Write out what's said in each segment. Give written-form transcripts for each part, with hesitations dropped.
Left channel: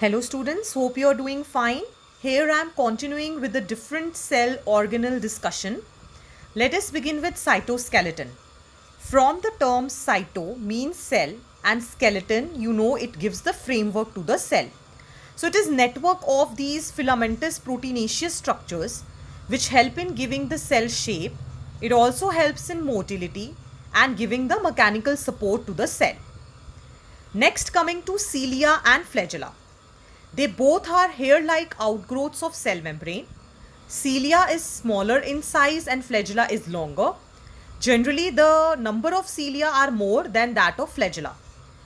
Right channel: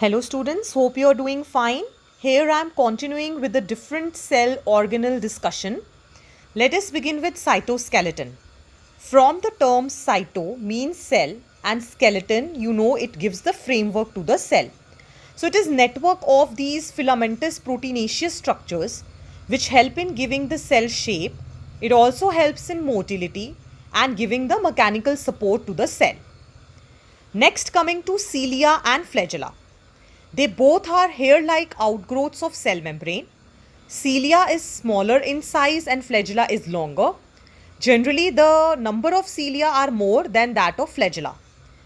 Hello students, hope you are doing fine. Here I am continuing with the different cell organelle discussion. Let us begin with cytoskeleton. From the term cyto means cell and skeleton, you know it gives the framework to the cell. So it is network of these filamentous proteinaceous structures which help in giving the cell shape. It also helps in motility and giving the mechanical support to the cell. Next, coming to cilia and flagella. They both are hair-like outgrowths of cell membrane. Cilia is smaller in size and flagella is longer. Generally, the number of cilia are more than that of flagella.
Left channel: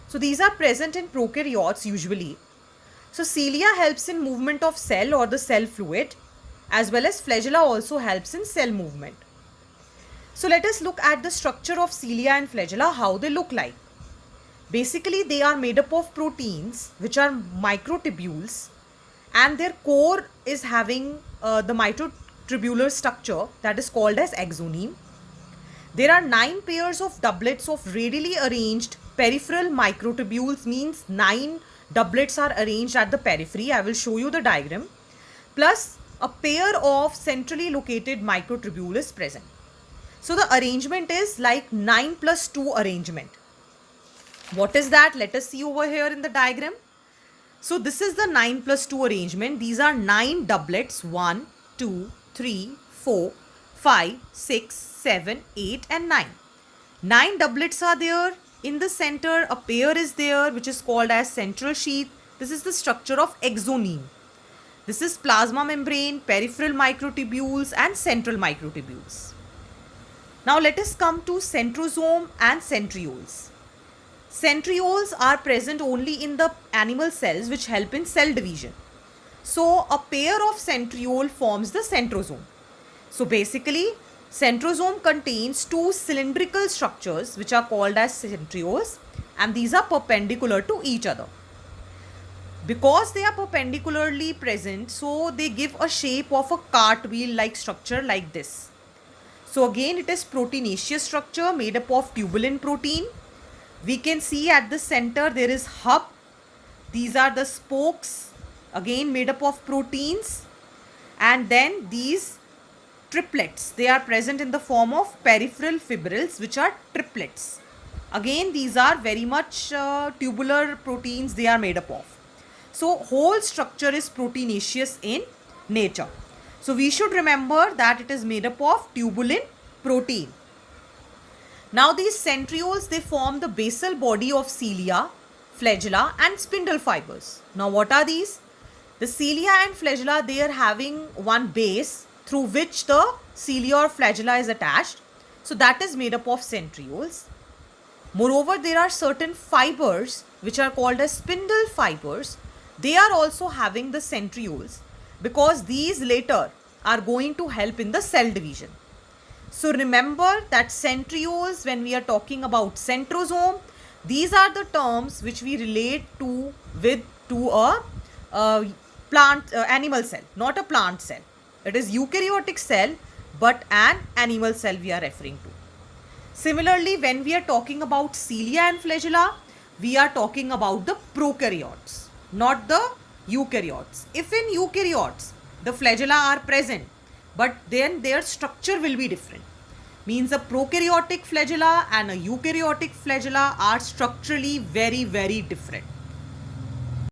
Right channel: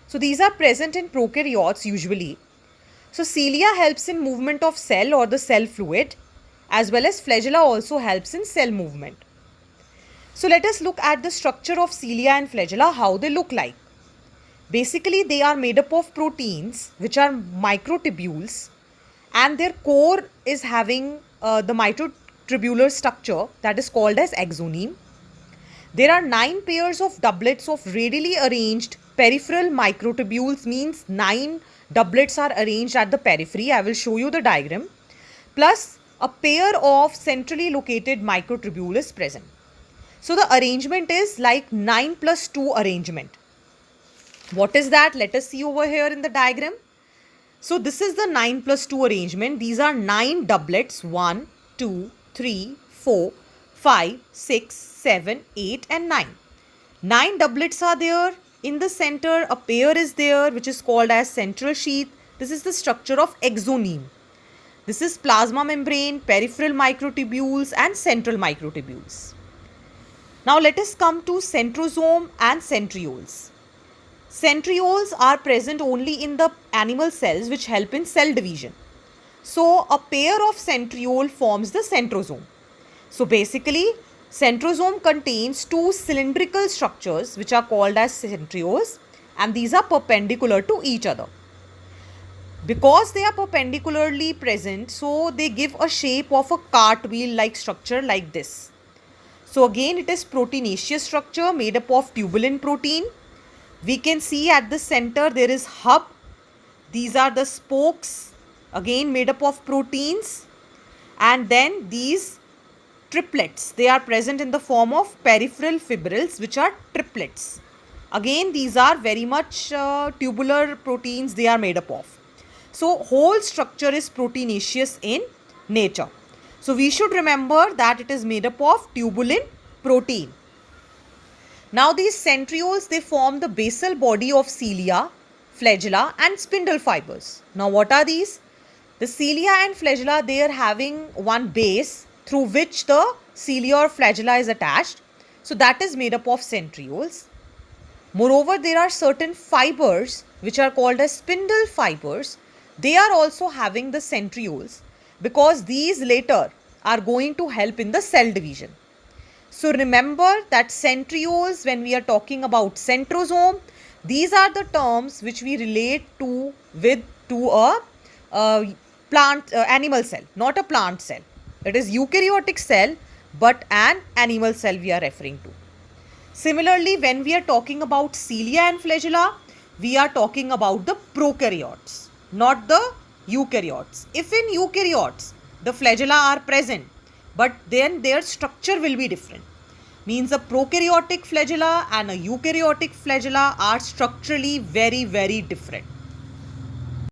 So these are present in prokaryotes usually. So cilia helps in movement of cell or the cell fluid, as well as flagella also helps in cell movement. So let us look at the structure of cilia and flagella, how they look like. Basically, they are made up of proteins which are microtubules, and their core is having the microtubular structure that is called as axoneme. There are 9 pairs of doublets of radially arranged peripheral microtubules, means 9 doublets are arranged at the periphery. I will show you the diagram. Plus a pair of centrally located microtubule is present. So the arrangement is like 9 plus 2 arrangement. What is that? Let us see over here in the diagram. So this is the 9 plus 2 arrangement. These are 9 doublets. 1, 2, 3, 4, 5, 6, 7, 8 and 9. 9 doublets are there. In the center, a pair is there which is called as central sheath. This is the structure of axoneme. This is plasma membrane, peripheral microtubules and central microtubules. Now let us come to centrosome and centrioles. Centrioles are present only in the animal cells which help in cell division. So a pair of centriole forms the centrosome. So basically, centrosome contains 2 cylindrical structures which are called as centrioles, and these are perpendicular to each other. Because they are perpendicularly present, so they give a shape of a cartwheel like structure like this. So again, it is proteinaceous structure made up of tubulin protein. We can see at the center there is hub. These are the spokes, again made up of proteins. And then these triplets, they are present in the form of peripheral fibrils which are triplets. Again, these are very much tubular proteins they are made up of. So whole structure is proteinaceous in nature. So we should remember that it is made up of tubulin protein. Now these centrioles, they form the basal body of cilia, flagella and spindle fibers. Now what are these? The cilia and flagella, they are having one base through which the cilia or flagella is attached. So that is made up of centrioles. Moreover, there are certain fibers which are called as spindle fibers. They are also having the centrioles because these later are going to help in the cell division. So remember that centrioles, when we are talking about centrosome, these are the terms which we relate to a plant animal cell, not a plant cell. It is eukaryotic cell, but an animal cell we are referring to. Similarly, when we are talking about cilia and flagella, we are talking about the prokaryotes, not the eukaryotes. If in eukaryotes the flagella are present, but then their structure will be different. Means a prokaryotic flagella and a eukaryotic flagella are structurally very, very different.